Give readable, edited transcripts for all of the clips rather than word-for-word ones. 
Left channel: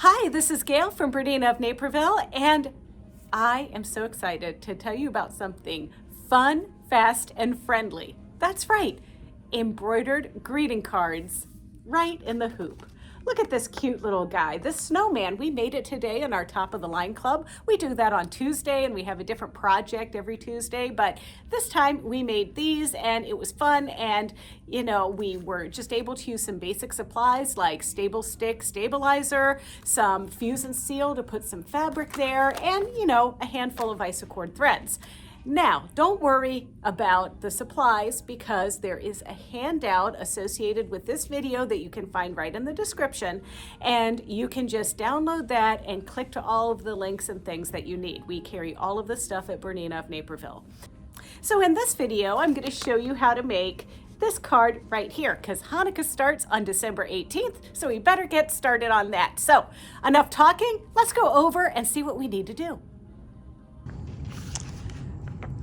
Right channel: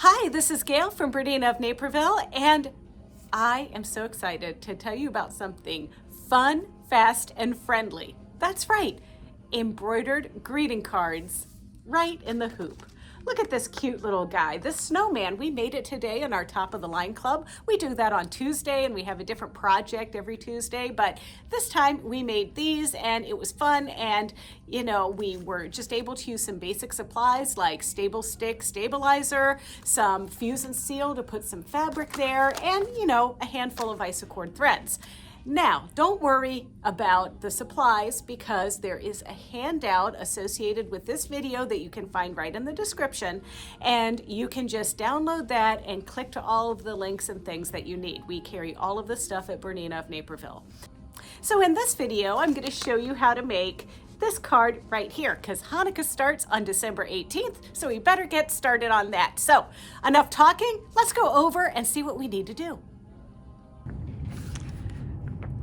Hi, this is Gayle from BERNINA of Naperville, and I am so excited to tell you about something fun, fast, and friendly. That's right, embroidered greeting cards right in the hoop. Look at this cute little guy, this snowman. We made it today in our Top of the Line Club. We do that on Tuesday, and we have a different project every Tuesday, but this time we made these and it was fun, and we were just able to use some basic supplies like stable stick stabilizer, some fuse and seal to put some fabric there, and a handful of isocord threads. Now, don't worry about the supplies because there is a handout associated with this video that you can find right in the description, and you can just download that and click to all of the links and things that you need. We carry all of the stuff at BERNINA of Naperville. So in this video, I'm going to show you how to make this card right here because Hanukkah starts on December 18th, so we better get started on that. So enough talking, let's go over and see what we need to do.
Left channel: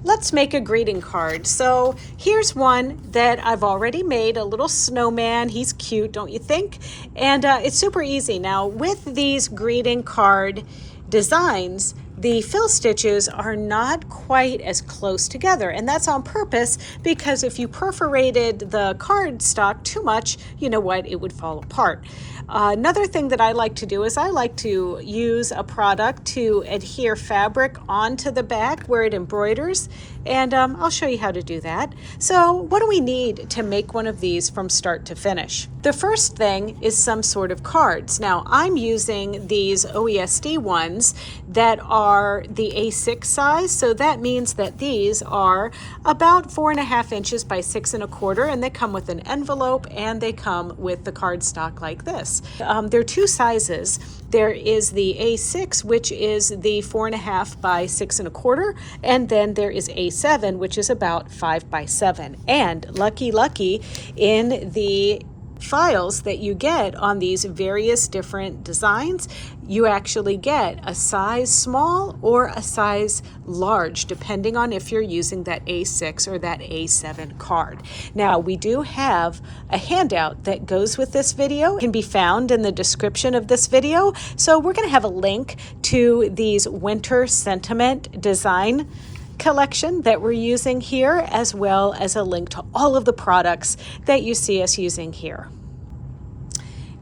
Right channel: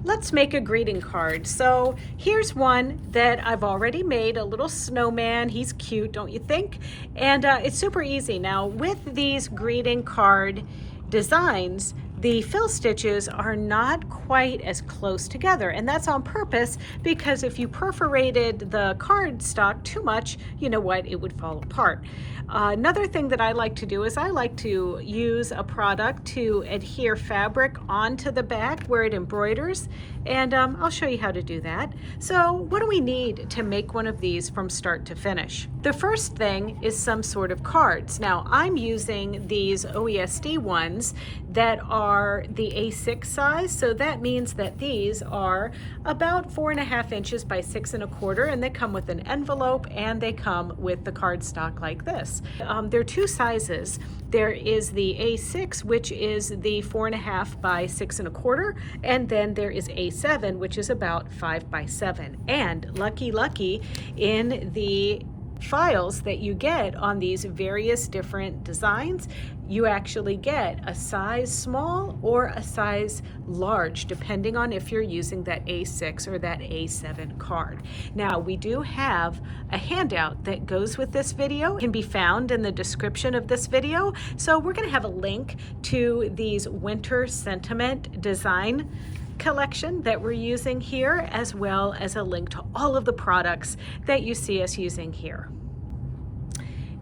Let's make a greeting card. So here's one that I've already made, a little snowman. He's cute, don't you think? And it's super easy. Now with these greeting card designs, the fill stitches are not quite as close together, and that's on purpose because if you perforated the cardstock too much, you know what, it would fall apart. Another thing that I like to do is I like to use a product to adhere fabric onto the back where it embroiders, and I'll show you how to do that. So what do we need to make one of these from start to finish? The first thing is some sort of cards. Now I'm using these OESD ones that are the A6 size, so that means that these are about 4.5 inches by 6 1/4, and they come with an envelope and they come with the cardstock like this. There are two sizes. There is the A6, which is the 4.5 by 6 1/4, and then there is A7, which is about 5 by 7. And lucky in the files that you get on these various different designs, you actually get a size small or a size large, depending on if you're using that A6 or that A7 card. Now, we do have a handout that goes with this video. It can be found in the description of this video. So we're going to have a link to these winter sentiment design collection that we're using here, as well as a link to all of the products that you see us using here.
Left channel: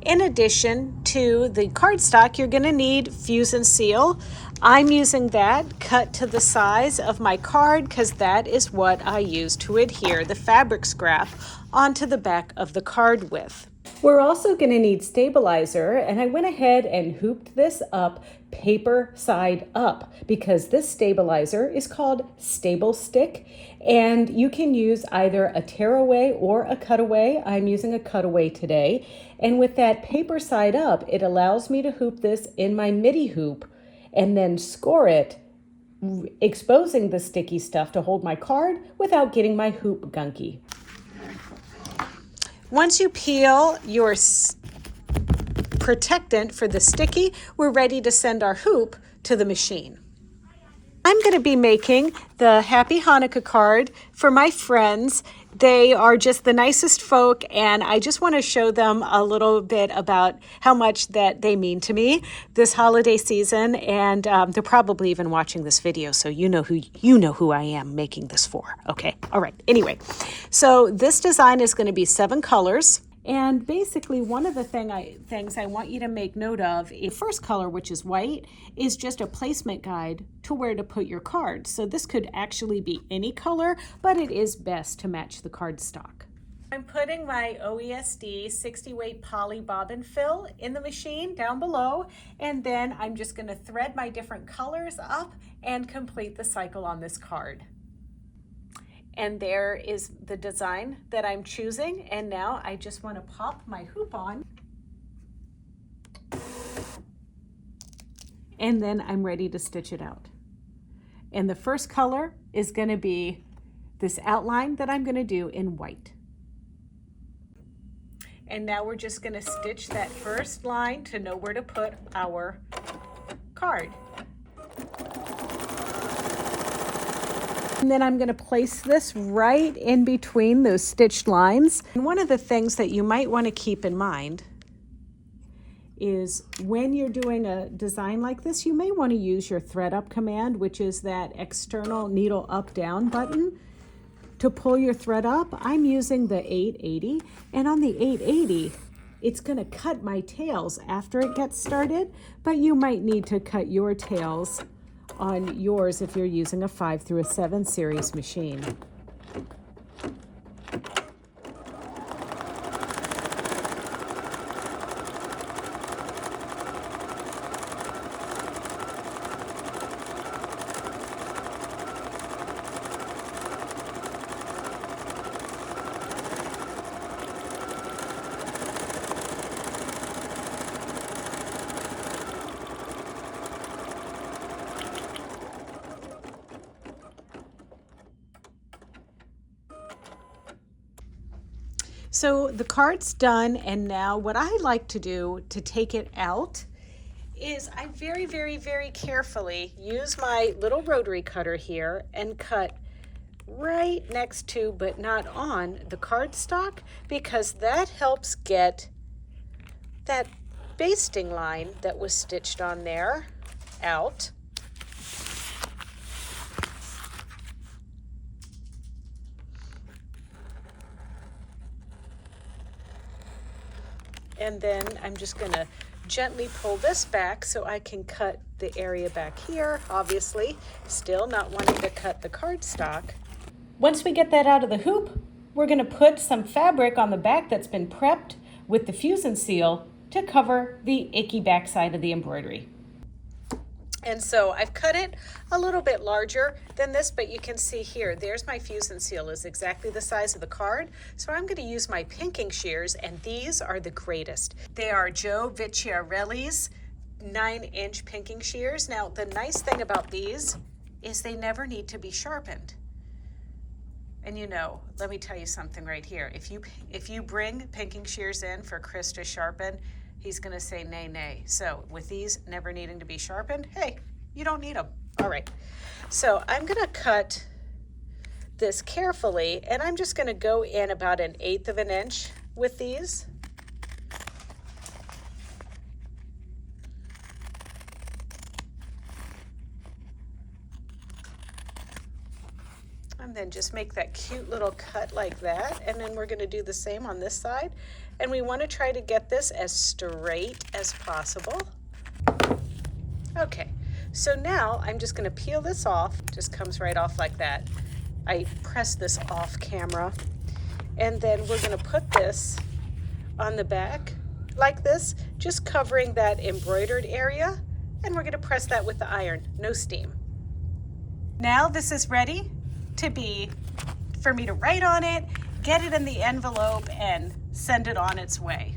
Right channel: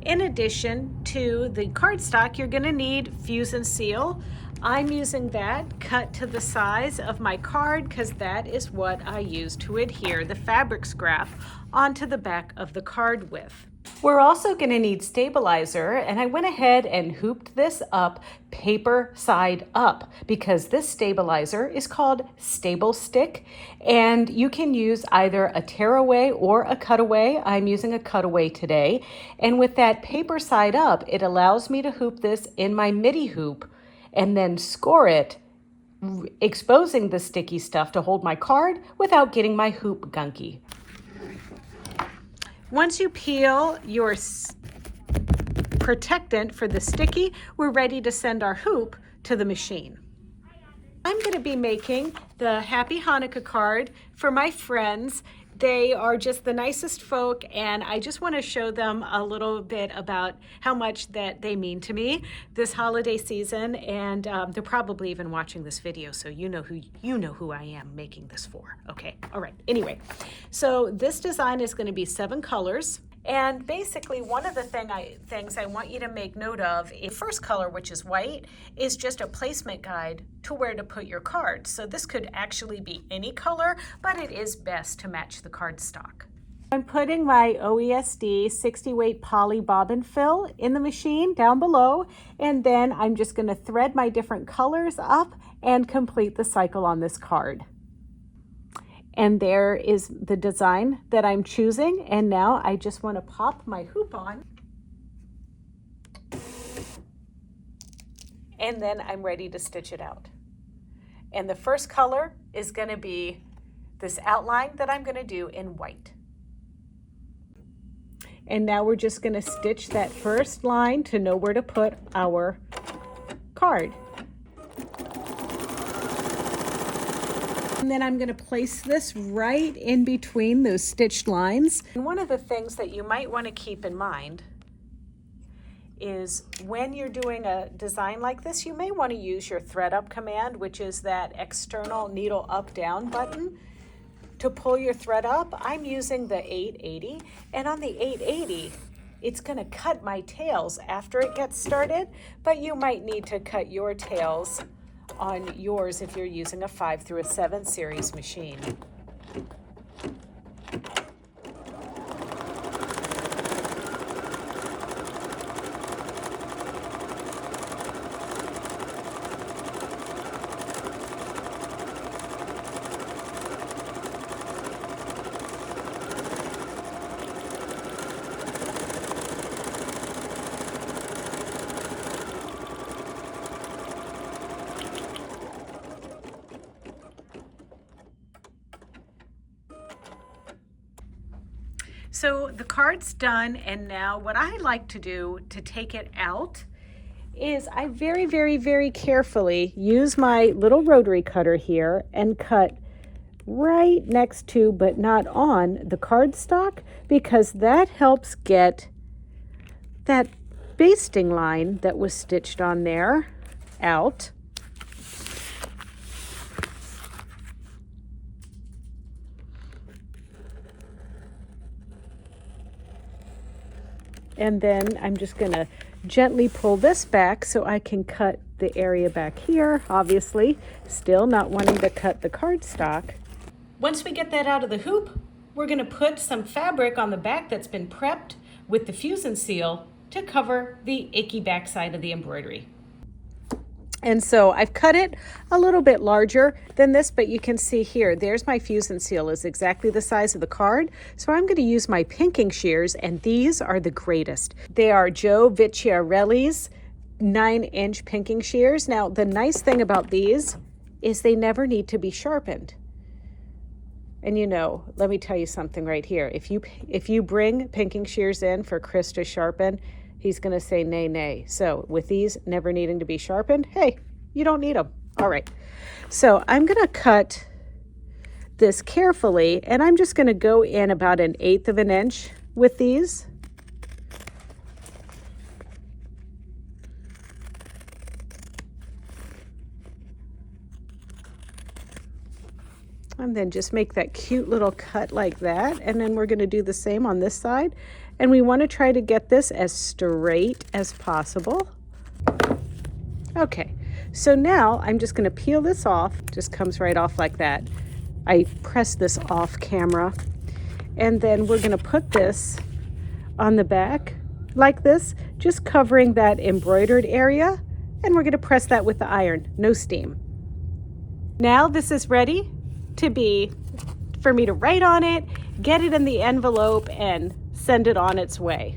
In addition to the cardstock, you're going to need fuse and seal. I'm using that cut to the size of my card because that is what I use to adhere the fabric scrap onto the back of the card with. We're also going to need stabilizer, and I went ahead and hooped this up paper side up because this stabilizer is called Stable Stick, and you can use either a tearaway or a cutaway. I'm using a cutaway today, and with that paper side up, it allows me to hoop this in my midi hoop and then score it, exposing the sticky stuff to hold my card without getting my hoop gunky. Once you peel your protectant for the sticky, we're ready to send our hoop to the machine. I'm going to be making the Happy Hanukkah card for my friends. They are just the nicest folk, and I just want to show them a little bit about how much that they mean to me this holiday season, and they're probably even watching this video, so you know who I am making this for. Okay, all right. Anyway, so this design is going to be 7 colors. And basically, one of the things I want you to make note of, the first color, which is white, is just a placement guide to where to put your cards. So this could actually be any color, but it is best to match the cardstock. I'm putting my OESD 60 weight poly bobbin fill in the machine down below, and then I'm just going to thread my different colors up and complete the cycle on this card. And there is the design that I'm choosing. And now I just want to pop my hoop on. And then I'm ready to stitch it out. And the first color is going to be this outline that I'm going to do in white. And now we're just going to stitch that first line to know where to put our card. And then I'm going to place this right in between those stitched lines. And one of the things that you might want to keep in mind is when you're doing a design like this, you may want to use your thread up command, which is that external needle up down button to pull your thread up. I'm using the 880, and on the 880, it's going to cut my tails after it gets started, but you might need to cut your tails on yours if you're using a 5 through a 7 series machine. So the card's done, and now what I like to do to take it out is I very, very, very carefully use my little rotary cutter here and cut right next to, but not on, the cardstock, because that helps get that basting line that was stitched on there out. And then I'm just going to gently pull this back so I can cut the area back here, obviously, still not wanting to cut the cardstock. Once we get that out of the hoop, we're going to put some fabric on the back that's been prepped with the fusion seal to cover the icky backside of the embroidery. And so I've cut it a little bit larger than this, but you can see here, there's my fusion seal, is exactly the size of the card. So I'm going to use my pinking shears, and these are the greatest. They are Joe Vecchiarelli's 9-inch pinking shears. Now, the nice thing about these is they never need to be sharpened. And you know, let me tell you something right here. If you bring pinking shears in for Chris to sharpen, he's going to say nay, nay. So with these never needing to be sharpened, hey, you don't need them. All right. So I'm going to cut this carefully, and I'm just going to go in about 1/8 of an inch with these. And then just make that cute little cut like that. And then we're going to do the same on this side. And we want to try to get this as straight as possible. Okay, so now I'm just going to peel this off. Just comes right off like that. I press this off camera. And then we're going to put this on the back like this, just covering that embroidered area. And we're going to press that with the iron, no steam. Now this is ready to be for me to write on it, get it in the envelope, and send it on its way.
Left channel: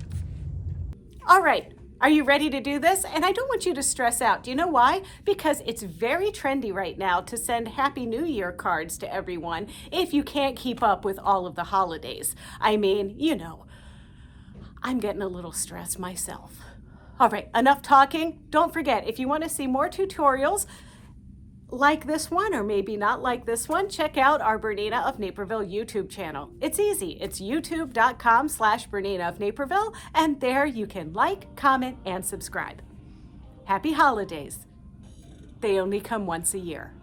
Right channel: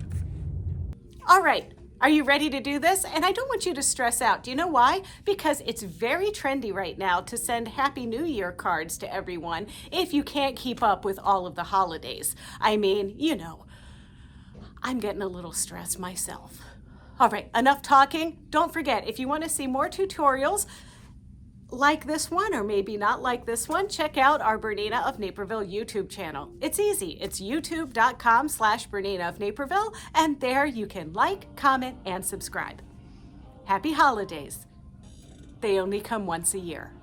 All right, are you ready to do this? And I don't want you to stress out. Do you know why? Because it's very trendy right now to send Happy New Year cards to everyone if you can't keep up with all of the holidays. I mean, you know, I'm getting a little stressed myself. All right, enough talking. Don't forget, if you want to see more tutorials like this one, or maybe not like this one, check out our Bernina of Naperville YouTube channel. It's easy. It's youtube.com/Bernina of Naperville, and there you can like, comment, and subscribe. Happy holidays. They only come once a year.